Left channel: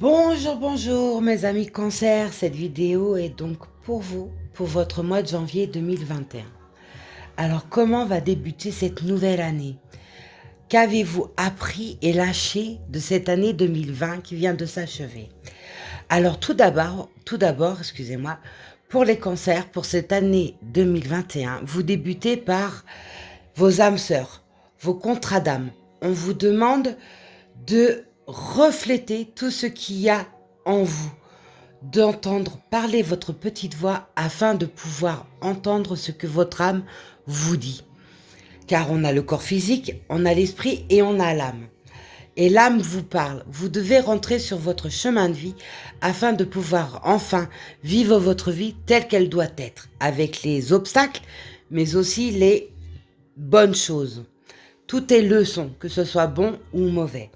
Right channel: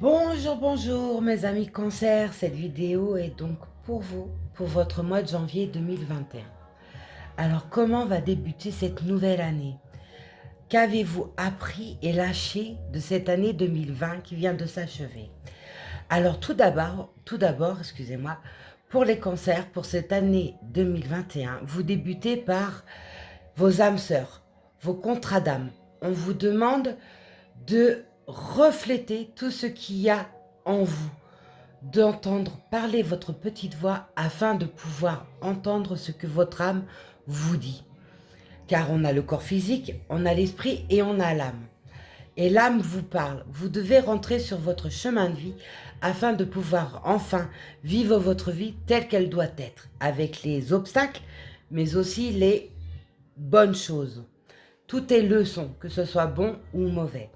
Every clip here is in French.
Bonjour, bonjour mes amis cancer, cette vidéo est donc pour vous, pour votre mois de janvier 2021. Alors comment va débuter cette nouvelle année? Qu'avez-vous appris et lâché de cette année 2020 qui vient de s'achever? Alors tout d'abord, excusez-moi, pour les cancers, pour cette année 2021, vous débutez par vos âmes sœurs, vos contrats d'âme. On vous demande de refléter tout ce qu'il y a en vous, d'entendre parler votre petite voix afin de pouvoir entendre ce que votre âme vous dit. Car on a le corps physique, on a l'esprit et on a l'âme. Et l'âme vous parle. Vous devez rentrer sur votre chemin de vie afin de pouvoir enfin vivre votre vie telle qu'elle doit être, avec les obstacles, mais aussi les bonnes choses. Tout est leçon, que ce soit bon ou mauvais.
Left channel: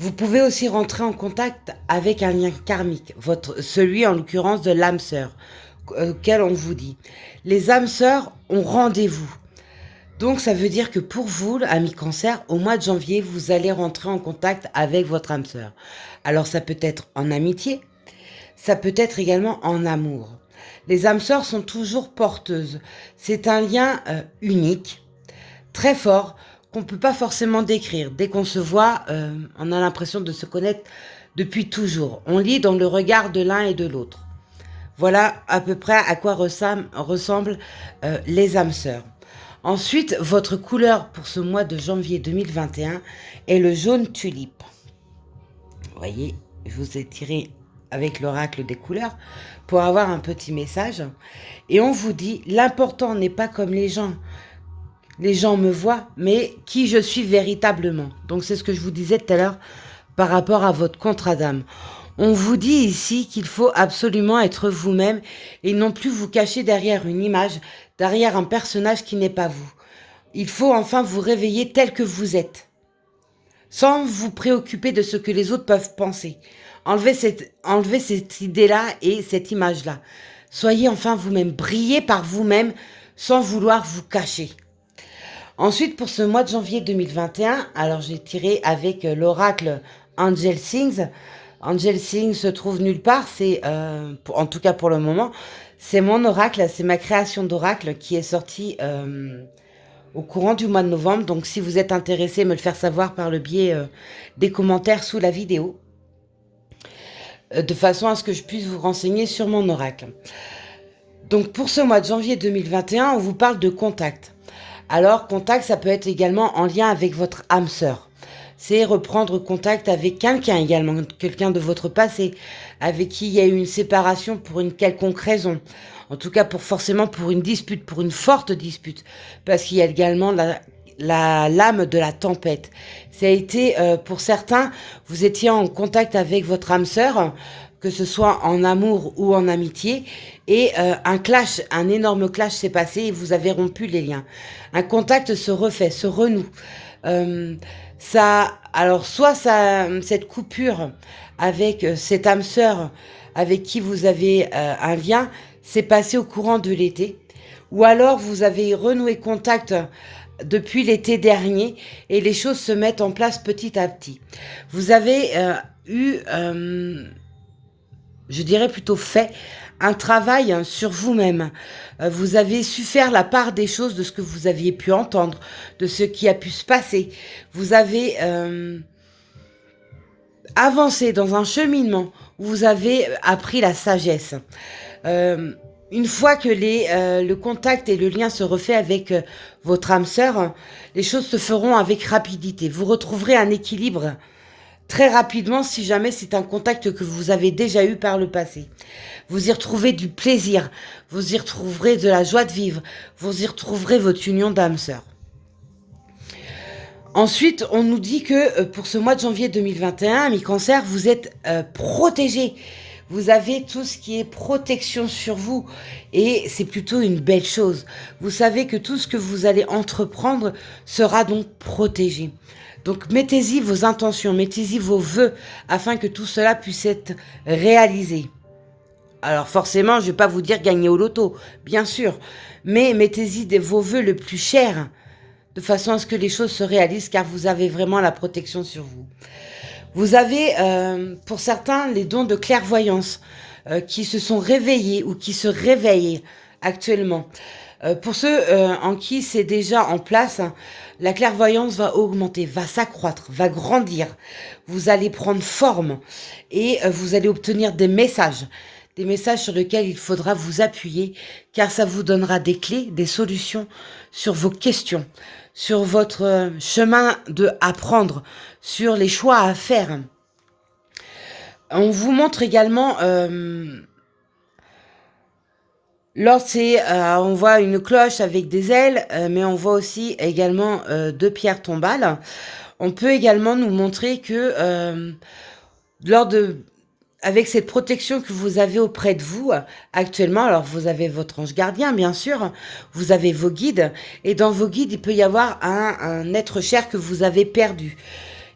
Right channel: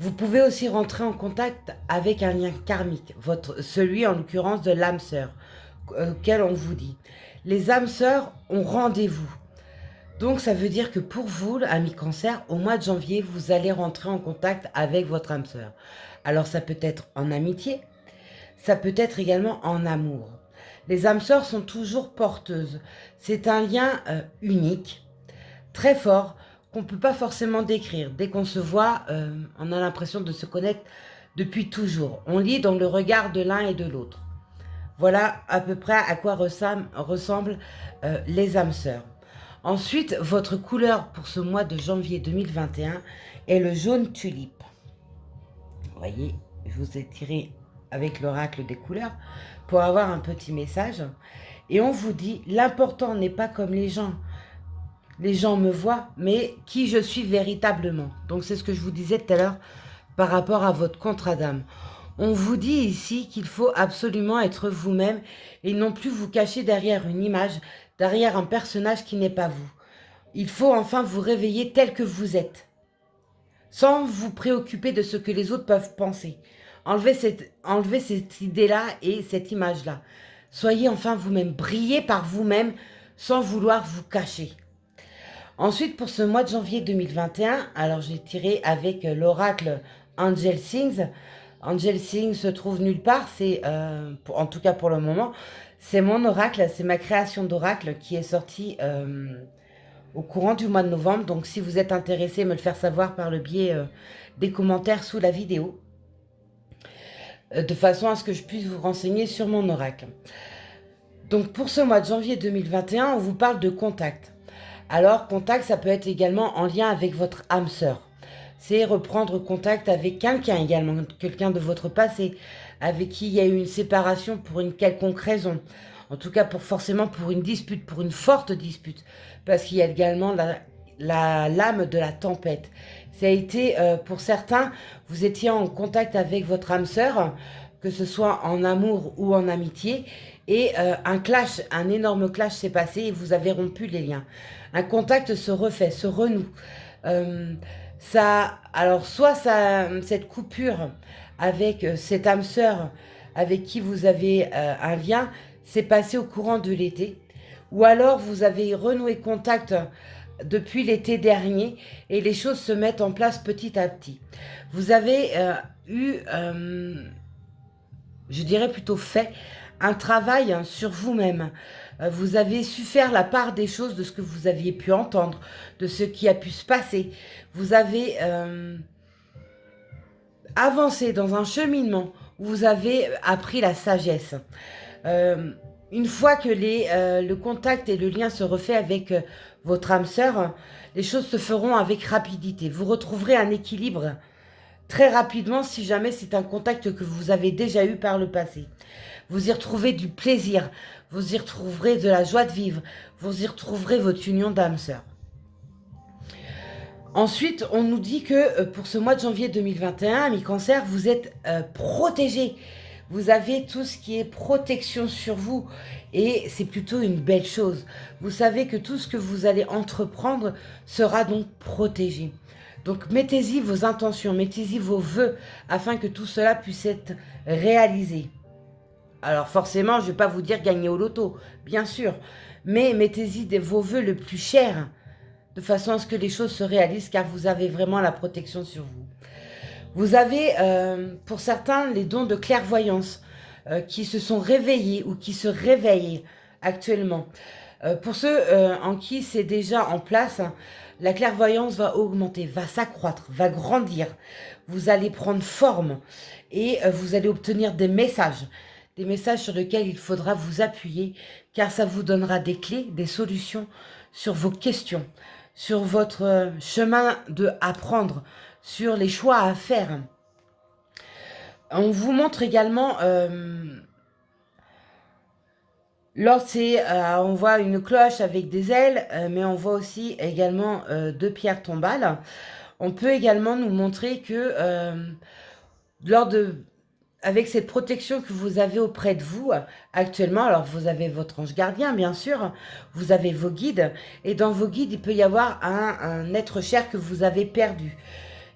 Vous pouvez aussi rentrer en contact avec un lien karmique, celui en l'occurrence de l'âme sœur, auquel on vous dit. Les âmes sœurs ont rendez-vous. Donc ça veut dire que pour vous, amis cancer, au mois de janvier, vous allez rentrer en contact avec votre âme sœur. Alors ça peut être en amitié, ça peut être également en amour. Les âmes sœurs sont toujours porteuses. C'est un lien unique, très fort, qu'on ne peut pas forcément décrire. Dès qu'on se voit, on a l'impression de se connaître depuis toujours. On lit dans le regard de l'un et de l'autre. Voilà à peu près à quoi ressemblent les âmes sœurs. Ensuite, votre couleur pour ce mois de janvier 2021 est le jaune tulipe. Vous voyez, je vous ai tiré avec l'oracle des couleurs pour avoir un petit message. Et on vous dit, l'important n'est pas comme les gens me voient, mais qui je suis véritablement. Donc c'est ce que je vous disais tout à l'heure par rapport à votre contrat d'âme. On vous dit ici qu'il faut absolument être vous-même et non plus vous cacher derrière une image, derrière un personnage qui n'est pas vous. Il faut enfin vous réveiller tel que vous êtes, sans vous préoccuper de ce que les autres peuvent penser. Enlevez cette idée-là et cette image-là. Soyez enfin vous-même, brillez par vous-même sans vouloir vous cacher. Ensuite, pour ce mois de janvier 2021, alors j'ai tiré avec l'oracle Angel Sings. Angel Sings se trouve nulle part, en tout cas pour le moment, c'est mon oracle, c'est ma création d'oracle qui est sortie au courant du mois de novembre. Donc si vous êtes intéressé, me le faire savoir par le biais des commentaires sous la vidéo, de façon à ce que je puisse vous renseigner sur mon oracle. Donc pour ce mois de janvier 2021, on vous parle de contact. Alors, contact, ça peut être également en lien avec votre âme sœur. C'est reprendre contact avec quelqu'un également, quelqu'un de votre passé, avec qui il y a eu une séparation pour une quelconque raison. En tout cas, forcément pour une dispute, pour une forte dispute. Parce qu'il y a également lame de la tempête. Ça a été, pour certains, vous étiez en contact avec votre âme sœur, que ce soit en amour ou en amitié, et un énorme clash s'est passé et vous avez rompu les liens. Un contact se refait, se renoue. Cette coupure avec cette âme sœur avec qui vous avez un lien s'est passé au courant de l'été, ou alors vous avez renoué contact depuis l'été dernier et les choses se mettent en place petit à petit. Vous avez je dirais plutôt fait un travail sur vous-même. Vous avez su faire la part des choses de ce que vous aviez pu entendre, de ce qui a pu se passer. Vous avez avancé dans un cheminement où vous avez appris la sagesse. Une fois que le contact et le lien se refait avec votre âme sœur, les choses se feront avec rapidité. Vous retrouverez un équilibre très rapidement si jamais c'est un contact que vous avez déjà eu par le passé. Vous y retrouverez du plaisir, vous y retrouverez de la joie de vivre, vous y retrouverez votre union d'âme sœur. Ensuite, on nous dit que pour ce mois de janvier 2021, amis cancer, vous êtes protégés. Vous avez tout ce qui est protection sur vous et c'est plutôt une belle chose. Vous savez que tout ce que vous allez entreprendre sera donc protégé. Donc mettez-y vos intentions, mettez-y vos vœux afin que tout cela puisse être réalisé. Alors forcément, je ne vais pas vous dire gagner au loto, bien sûr, mais mettez-y vos vœux le plus chers de façon à ce que les choses se réalisent car vous avez vraiment la protection sur vous. Vous avez, pour certains, les dons de clairvoyance qui se sont réveillés ou qui se réveillent actuellement. Pour ceux en qui c'est déjà en place, hein, la clairvoyance va augmenter, va s'accroître, va grandir. Vous allez prendre forme et vous allez obtenir des messages sur lesquels il faudra vous appuyer, car ça vous donnera des clés, des solutions sur vos questions, sur votre chemin de apprendre, sur les choix à faire. On vous montre également, on voit une cloche avec des ailes, mais on voit aussi également deux pierres tombales. On peut également nous montrer que lors de, avec cette protection que vous avez auprès de vous actuellement, alors vous avez votre ange gardien bien sûr, vous avez vos guides, et dans vos guides il peut y avoir un être cher que vous avez perdu.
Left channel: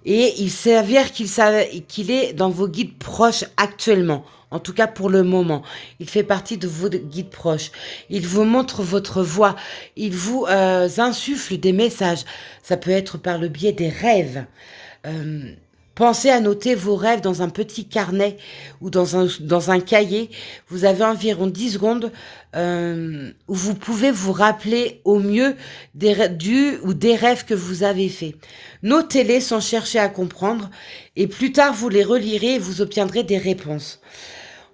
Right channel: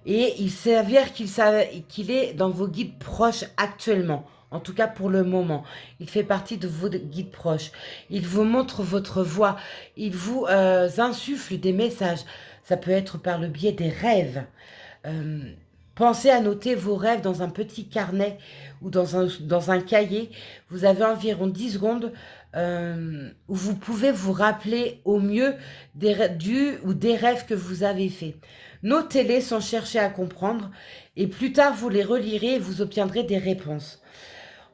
Et il s'avère qu'il est dans vos guides proches actuellement. En tout cas pour le moment. Il fait partie de vos guides proches. Il vous montre votre voie. Il vous insuffle des messages. Ça peut être par le biais des rêves. Euh, Pensez à noter vos rêves dans un petit carnet ou dans un cahier. Vous avez environ 10 secondes où vous pouvez vous rappeler au mieux des rêves que vous avez faits. Notez-les sans chercher à comprendre et plus tard vous les relirez et vous obtiendrez des réponses.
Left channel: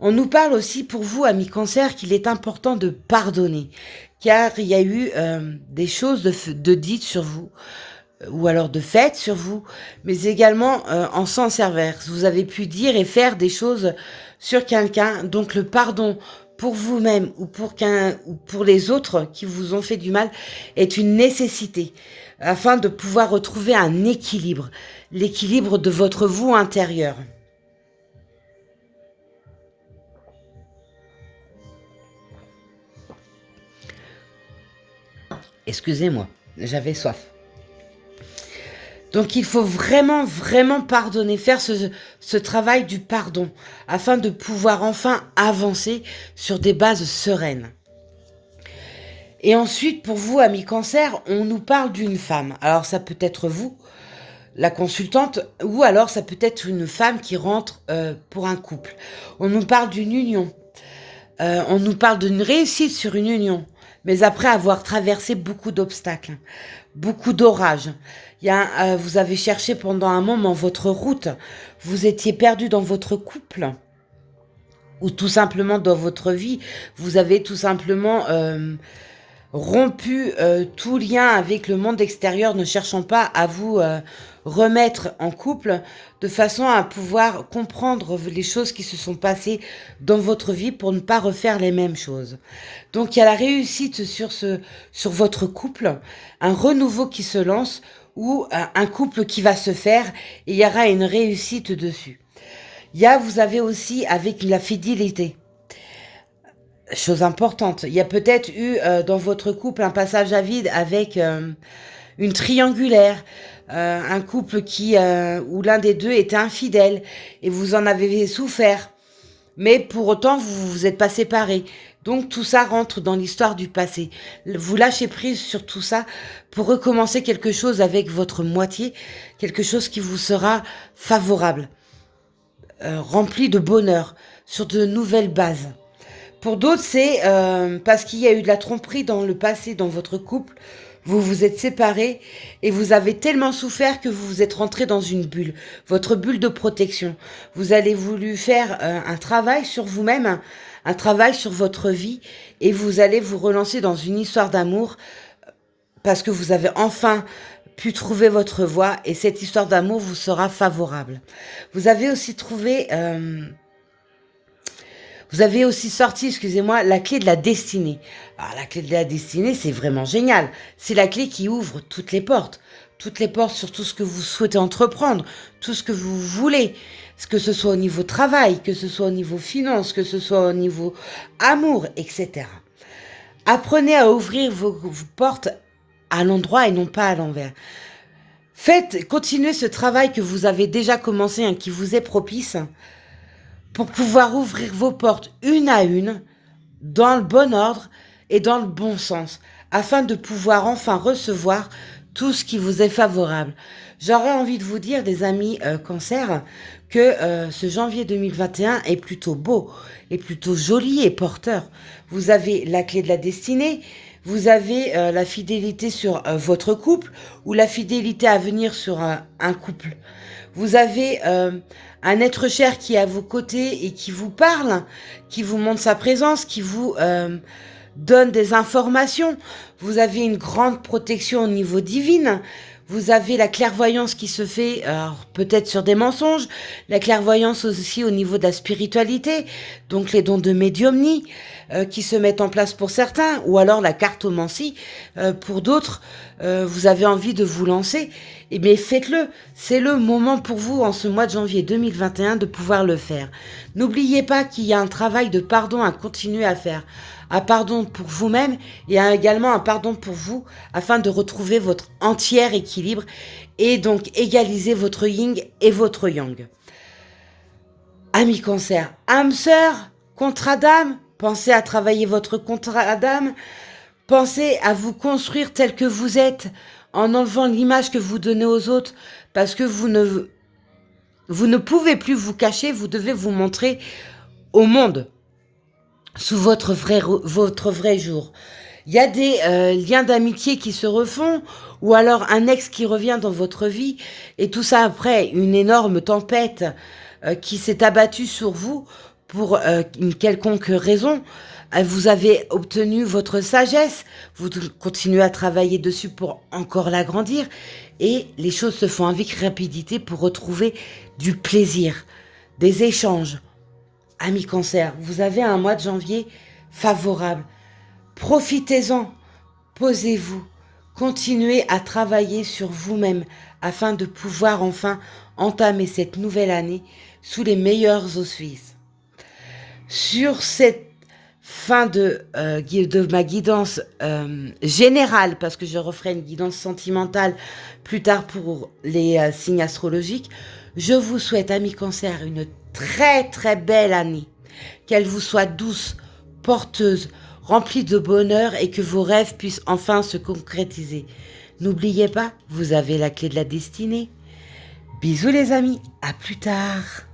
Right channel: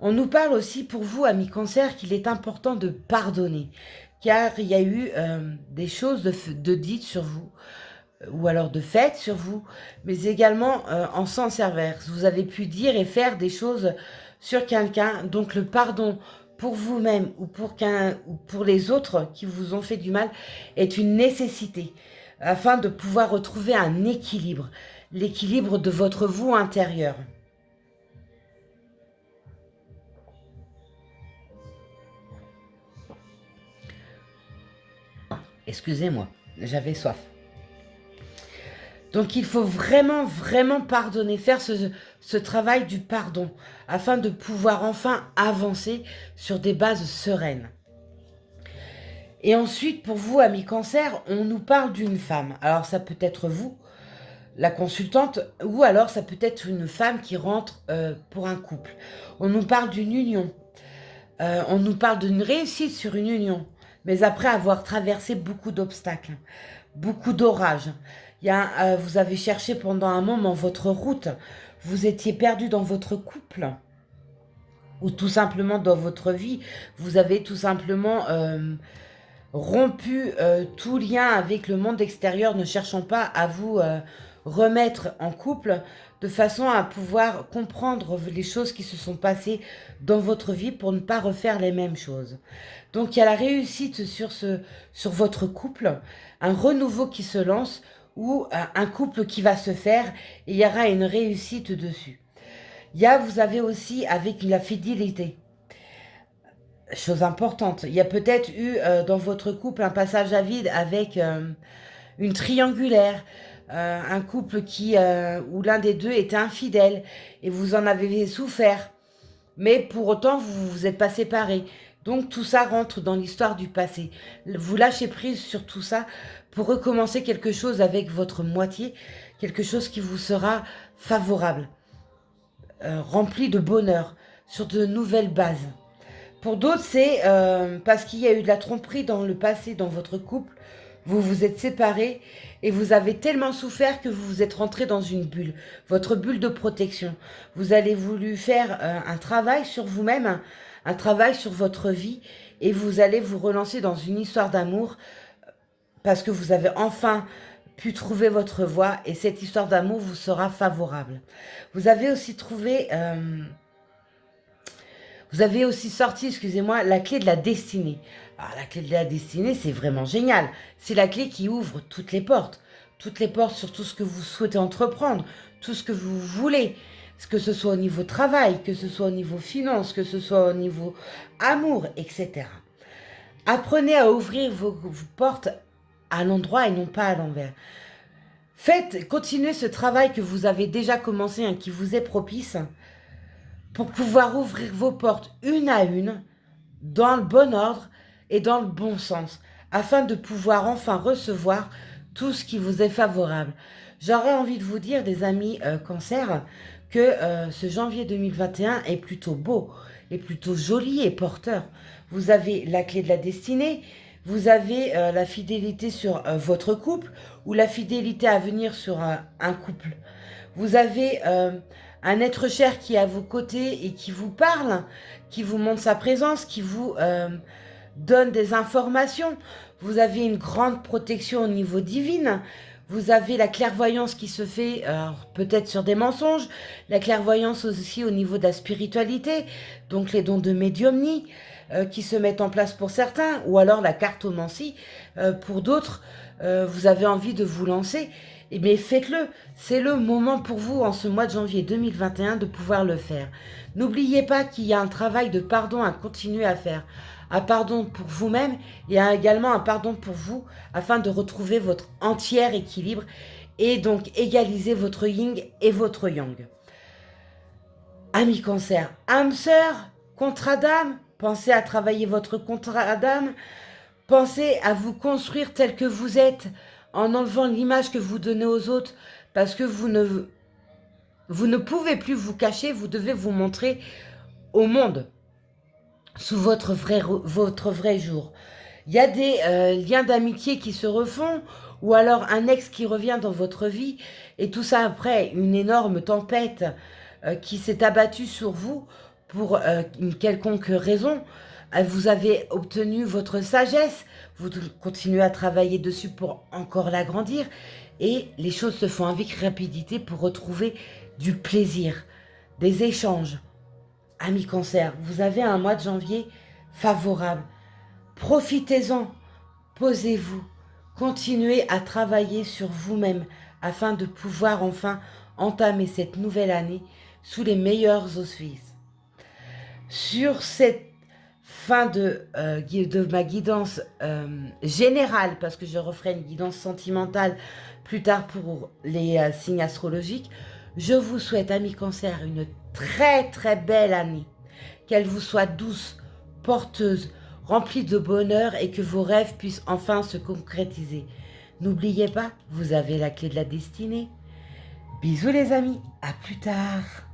On nous parle aussi pour vous, amis cancer, qu'il est important de pardonner, car il y a eu des choses de dites sur vous, ou alors de faites sur vous, mais également en sens inverse. Vous avez pu dire et faire des choses sur quelqu'un, donc le pardon pour vous-même ou pour les autres qui vous ont fait du mal est une nécessité afin de pouvoir retrouver un équilibre, l'équilibre de votre vous intérieur. Excusez-moi, j'avais soif. Donc il faut vraiment, vraiment pardonner, faire ce travail du pardon, afin de pouvoir enfin avancer sur des bases sereines. Et ensuite, pour vous, amis cancer, on nous parle d'une femme. Alors ça peut être vous, la consultante, ou alors ça peut être une femme qui rentre pour un couple. On nous parle d'une union. On nous parle d'une réussite sur une union, mais après avoir traversé beaucoup d'obstacles, beaucoup d'orages. Vous avez cherché pendant un moment votre route, vous étiez perdu dans votre couple, ou tout simplement dans votre vie, vous avez tout simplement rompu tout lien avec le monde extérieur, ne cherchant pas à vous remettre en couple, de façon à pouvoir comprendre les choses qui se sont passées dans votre vie pour ne pas refaire les mêmes choses. Donc il y a la réussite sur votre couple, un renouveau qui se lance ou un couple qui va se faire et il y aura une réussite dessus. Vous avez aussi avec la fidélité. Chose importante, il y a peut-être eu dans votre couple un passage à vide avec une triangulaire, un couple où l'un des deux était infidèle et vous en avez souffert. Mais pour autant, vous vous êtes pas séparés. Donc tout ça rentre dans l'histoire du passé. Vous lâchez prise sur tout ça pour recommencer quelque chose avec votre moitié, quelque chose qui vous sera favorable, rempli de bonheur, sur de nouvelles bases. Pour d'autres, c'est parce qu'il y a eu de la tromperie dans le passé dans votre couple. Vous vous êtes séparés et vous avez tellement souffert que vous vous êtes rentré dans une bulle, votre bulle de protection. Vous avez voulu faire un travail sur vous-même, un travail sur votre vie et vous allez vous relancer dans une histoire d'amour parce que vous avez enfin pu trouver votre voie et cette histoire d'amour vous sera favorable. Vous avez aussi trouvé... Vous avez aussi sorti, excusez-moi, la clé de la destinée. Alors, la clé de la destinée, c'est vraiment génial. C'est la clé qui ouvre toutes les portes. Toutes les portes sur tout ce que vous souhaitez entreprendre, tout ce que vous voulez. Que ce soit au niveau travail, que ce soit au niveau finance, que ce soit au niveau amour, etc. Apprenez à ouvrir vos portes à l'endroit et non pas à l'envers. Continuez ce travail que vous avez déjà commencé, hein, qui vous est propice, pour pouvoir ouvrir vos portes une à une, dans le bon ordre et dans le bon sens, afin de pouvoir enfin recevoir tout ce qui vous est favorable. J'aurais envie de vous dire, des amis cancer, que ce janvier 2021 est plutôt beau, est plutôt joli et porteur. Vous avez la clé de la destinée, vous avez la fidélité sur votre couple ou la fidélité à venir sur un couple. Vous avez un être cher qui est à vos côtés et qui vous parle, qui vous montre sa présence, qui vous donne des informations. Vous avez une grande protection au niveau divin. Vous avez la clairvoyance qui se fait peut-être sur des mensonges, la clairvoyance aussi au niveau de la spiritualité, donc les dons de médiumnie qui se mettent en place pour certains, ou alors la cartomancie pour d'autres. Vous avez envie de vous lancer, eh bien faites-le. C'est le moment pour vous en ce mois de janvier 2021 de pouvoir le faire. N'oubliez pas qu'il y a un travail de pardon à continuer à faire. Un pardon pour vous-même et également un pardon pour vous afin de retrouver votre entier équilibre et donc égaliser votre yin et votre yang. Amis cancer, âme sœur, contrat d'âme, pensez à travailler votre contrat d'âme, pensez à vous construire tel que vous êtes en enlevant l'image que vous donnez aux autres parce que vous ne pouvez plus vous cacher, vous devez vous montrer au monde sous votre vrai jour. Il y a des liens d'amitié qui se refont, ou alors un ex qui revient dans votre vie, et tout ça après une énorme tempête qui s'est abattue sur vous pour une quelconque raison. Vous avez obtenu votre sagesse, vous continuez à travailler dessus pour encore l'agrandir, et les choses se font avec rapidité pour retrouver du plaisir, des échanges. Amis cancer, vous avez un mois de janvier favorable. Profitez-en, posez-vous, continuez à travailler sur vous-même afin de pouvoir enfin entamer cette nouvelle année sous les meilleurs auspices. Sur cette fin de ma guidance générale, parce que je referai une guidance sentimentale plus tard pour les signes astrologiques, je vous souhaite, amis cancer, une très très belle année. Qu'elle vous soit douce, porteuse, remplie de bonheur et que vos rêves puissent enfin se concrétiser. N'oubliez pas, vous avez la clé de la destinée. Bisous les amis, à plus tard.